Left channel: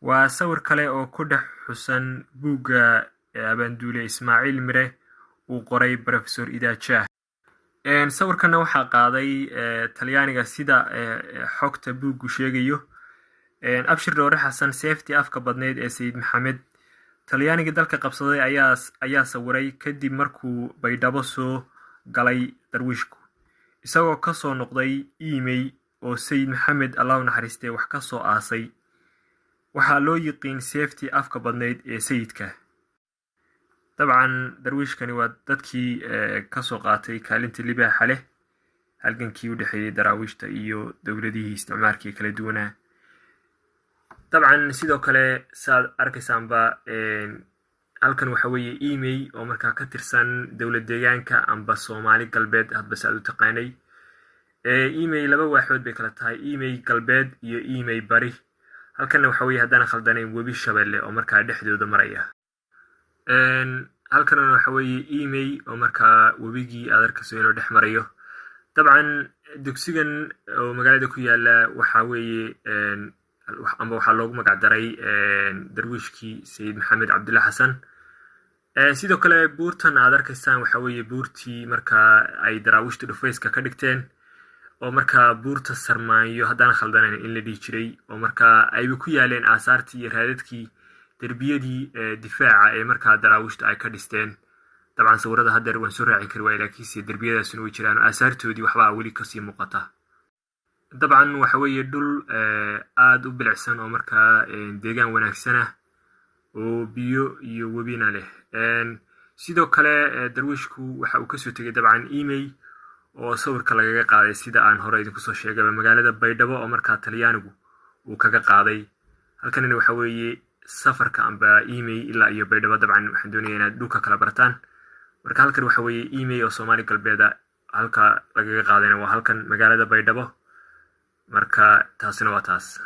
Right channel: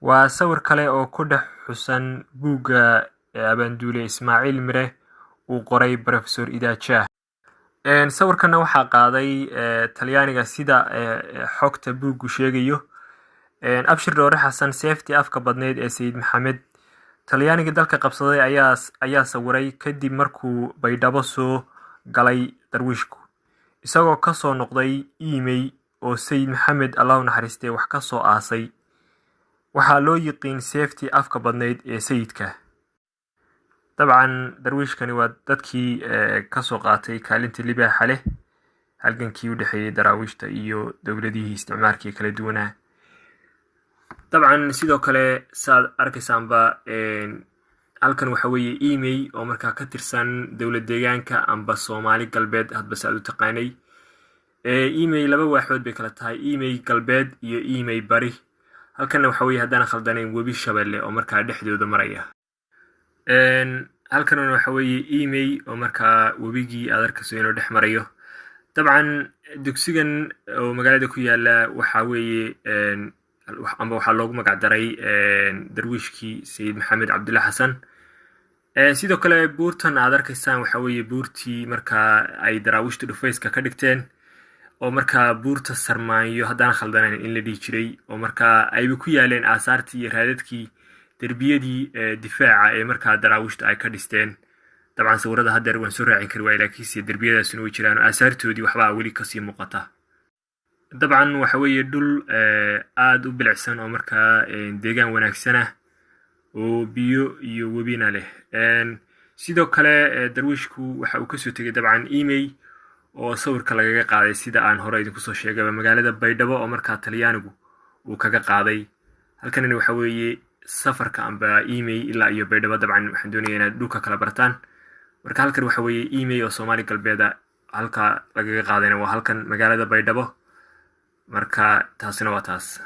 waa sawir kale oo ku dhex xusan buugga Abaanduule Ismaaciil Mire uu qoray Professor Idaaja. Sawirkana waxaa qaaday Talyaaniga sida xogta buuggu sheegayo. Abshir Dhoore Xasan Seeftii afka badneyd ee Sayid Maxamed Talyaaniga dalka qabsaday ayaa sawiray kadib markuu Baydhabo soo galay darwiishku, isagoo ka soo noqday email oo Sayid Maxamed Allah u naxariistay wax ka soo aasay. waxaa loo yiqiin seeftii afka badneyd ee sayidka. dabcan darwiishkani waa dadkii ka soo qaatay kaalinta libaaxa leh halgankii u dhexeeyay daraawiishta iyo dowladihii isticmaalkii kala duwanaa. dabcan sidoo kale saad arkaysaanba halkan waxa weeye email oo markaa ka tirsan dowlad deegaanka amba Soomaali galbeed hadba saad u taqaanay. email laba waaxood bay kala tahay, email galbeed iyo email bari. halkana waxa weeye haddana khaldanayn webi Shabeelle oo markaa dhexdooda maraya. halkana waxa weeye email oo markaa webigii aad arkayso inuu dhex marayo. dabcan dugsigan oo magaalada ku yaala waxa weeye amba waxaa loogu magac daray darwiishkii Sayid Maxamed Cabdulla Xasan. sidoo kale buurtan aad arkaysaan waxa weeye buurtii markaa ay daraawiishtu dhufayska ka dhigteen oo markaa buurta Sarmaanyo haddana khaldanayn in la dhihi jiray oo markaa ayba ku yaaleen aasaartii iyo raadadkii derbiyadii difaaca ee markaa daraawiishtu ay ka dhisteen. dabcan sawirada haddeer waan soo raacin kari waay laakiinse derbiyadaasuna way jiraan aasaartoodii waxbaa weli kasii muuqata. dabcan waxa weeye dhul aada u bilicsan oo markaa deegaan wanaagsan ah oo biyo iyo webina leh. sidoo kale darwiishku waxa uu kasoo tegay dabcan email oo sawirka lagaga qaaday sida aan hore idinku soo sheegay magaalada Baydhabo oo markaa Talyaanigu uu kaga qaaday. halkanina waxa weeye safarka amba email ilaa iyo Baydhabo. dabcan waxaan doonayaa inaad dhulka kala bartaan. marka halkan waxa weeye email oo Soomaali galbeeda halka lagaga qaadayna waa halkan magaalada Baydhabo. marka taasina waa taas.